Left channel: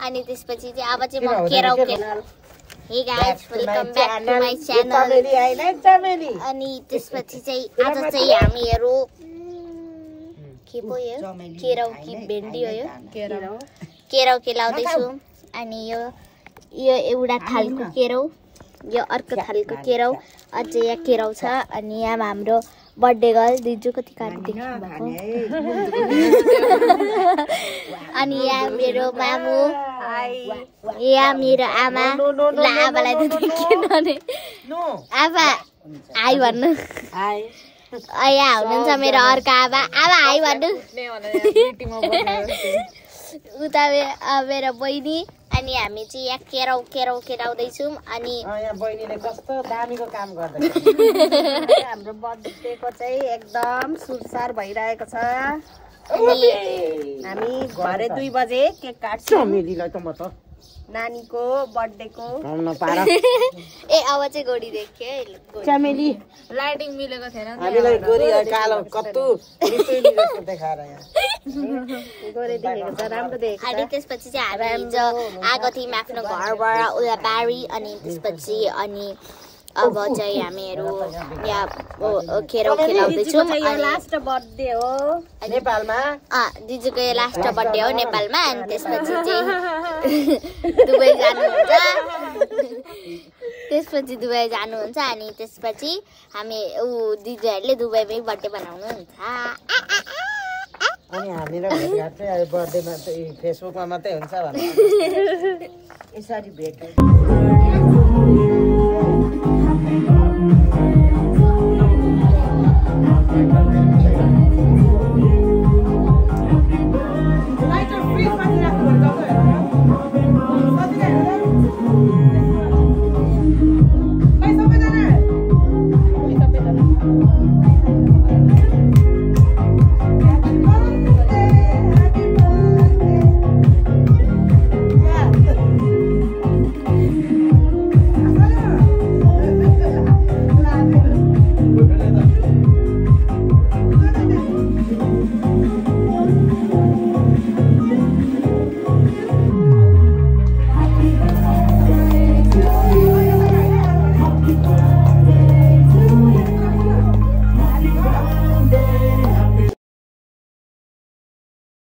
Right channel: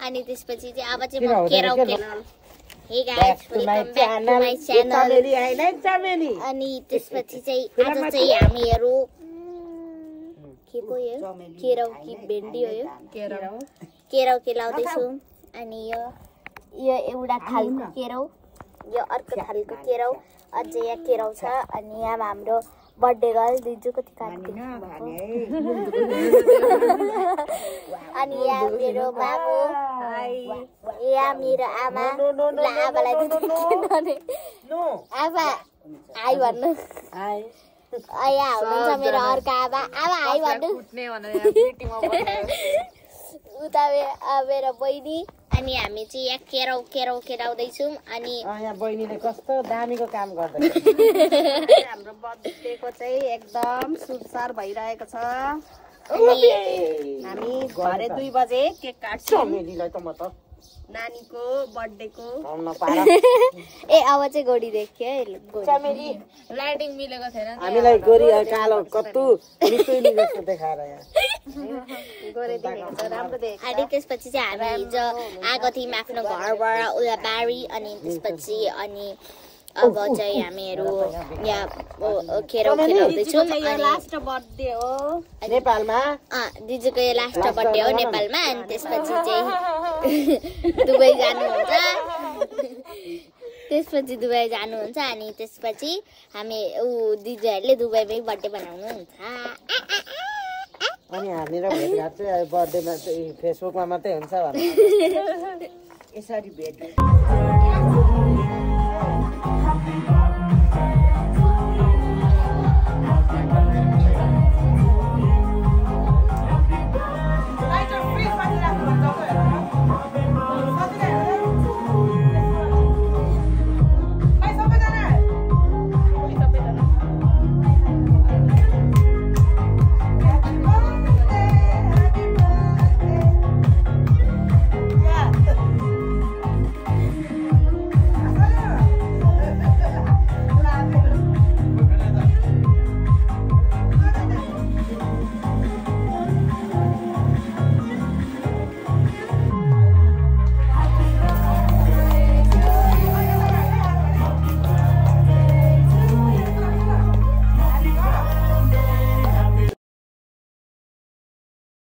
अनि त्यसपछि चाहिँ अब चाहिँ म केराउ हे guys welcome back to my channel अनि त्यसपछि चाहिँ आज चाहिँ हामीहरु के पो यो केराउ कि भेन्डी हो यो केराउ केलाउँदै छु अनि यो एउटा थालको केराउ यो अर्को थालको केराउ अझै यहाँ केराउ छ अनि यहाँ हाम्रो बर्थडे गर्ल दिजु कति काट्नु देख्नु अनि यहाँ मेरो मामु यहाँ मेरो आमा ल आमालाई त देखिन नि आमा हाई भन्नु यहाँ हुनुहुन्छ मेरो अर्को आमा आमा हाई भन्नु उता मेरो बहिनी अनि हामी चाहिँ यहाँ केराउ केराउँदैछौँ अनि यहाँ बहिनीले कस्तो दामीको काम गर्दैछ हाम्रो बर्थडेको चाहिँ एकदम सुरसार भइरहेको छ हामी घरे 2 बजे केक काट्छौँ नानीको बर्थडेको ए अब चाहिँ गोडी देख्यो चमेली लाइटिङ मिलेको थिएन हामीलाई गोरी कालो कत्तु मिसैली जस्तो देखाएर गोरे देखेको छ राम्रो देखेको अनि त्यसपछि चाहिँ हामी हिजो आएको थियौँ आफ्नो घरबाट उता बारी अनि त्यसपछि अनि अब चाहिँ हामीहरू यहाँ केराउ खेलाउँदैछौँ लास्ट बर्थडे हो नेपालमा दिदीको यो लास्ट बर्थडे हो नेपालमा अनि त्यसपछि चाहिँ दुबई जानुहुन्छ अनि त्यसपछि हामी दिदीहरूले दुबईमै बर्थडे बनाउनुहुन्छ अनि हामीहरु भेट चाहिँ बर्थडेमा चाहिँ फेसबुकमा मात्रै हुन्छ भने यसरी भेट